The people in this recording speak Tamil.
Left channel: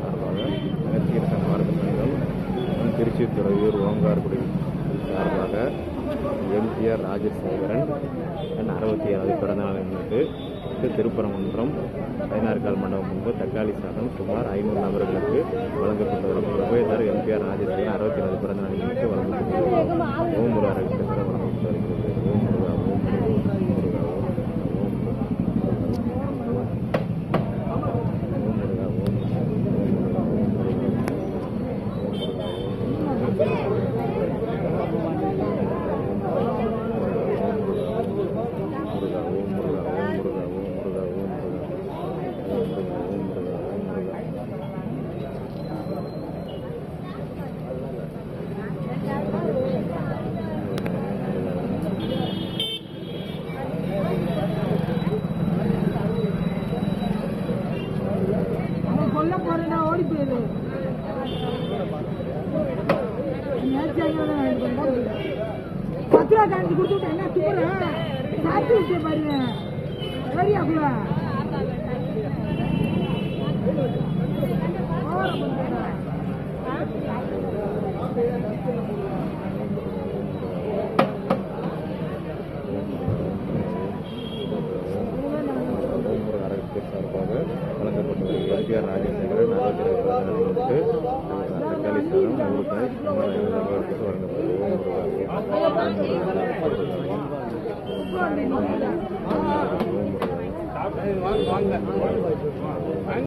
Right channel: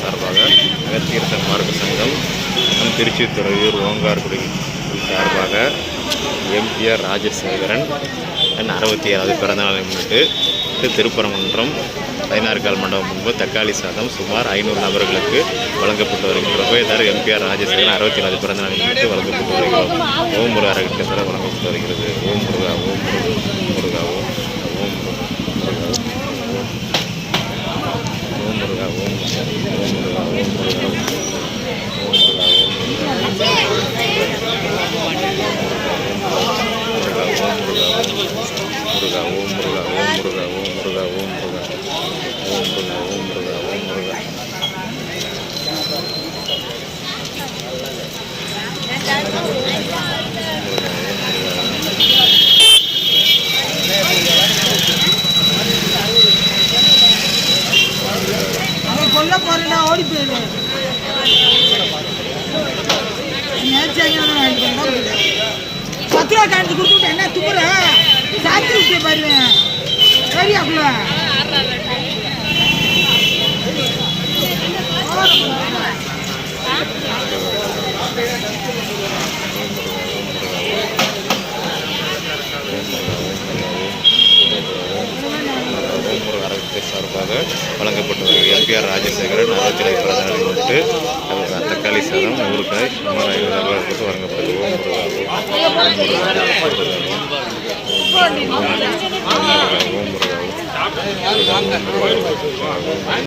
சார்பாக அகத்தியர் சன்மார்க்க சங்கம் திருச்சி துறையூர் ஓங்கார்குடி சார்பாக எம்பிஆர் ராஜசேகரன் 67வது பிறந்தநாளை முன்னிட்டு திருப்பரங்குன்றம் 16 கால் மண்டபம் முன்பு தக்காளி சாதம் சுமார் 500 நபர்களுக்கு வழங்கப்பட்டு வருகிறது. உபயதார் எம்பிஆர் ராஜசேகரன் 67வது பிறந்தநாளை முன்னிட்டு வழங்கப்பட்டு வருகிறது. ஓம் முருகா அறக்கட்டளை வழங்கப்பட்டு வருகிறது. ஓம் முருகா ஓம் முருகா ஓம் ஓம் ஓம் முருகா ஓம் ஓடி போயிருவேன். பத்து ரூபா காய்ச்சி கொடுத்துட்டு என்ன தூர சாத்தி விட்டு பாருவேன். சரியாக்குள்ள சார்பாக வழங்கப்பட்டு வருகிறது. எம்பிஆர் ராஜசேகரன் 67 பிறந்தநாளை முன்னிட்டு தக்காளி சாதம் ஊறுகாய் சுமார் 50 நபர்களுக்கு வழங்கப்பட்டது. ஓம் முருகா ஓம் முருகா ஓம் முருகா ஓம் முருகா ஓம் முருகா.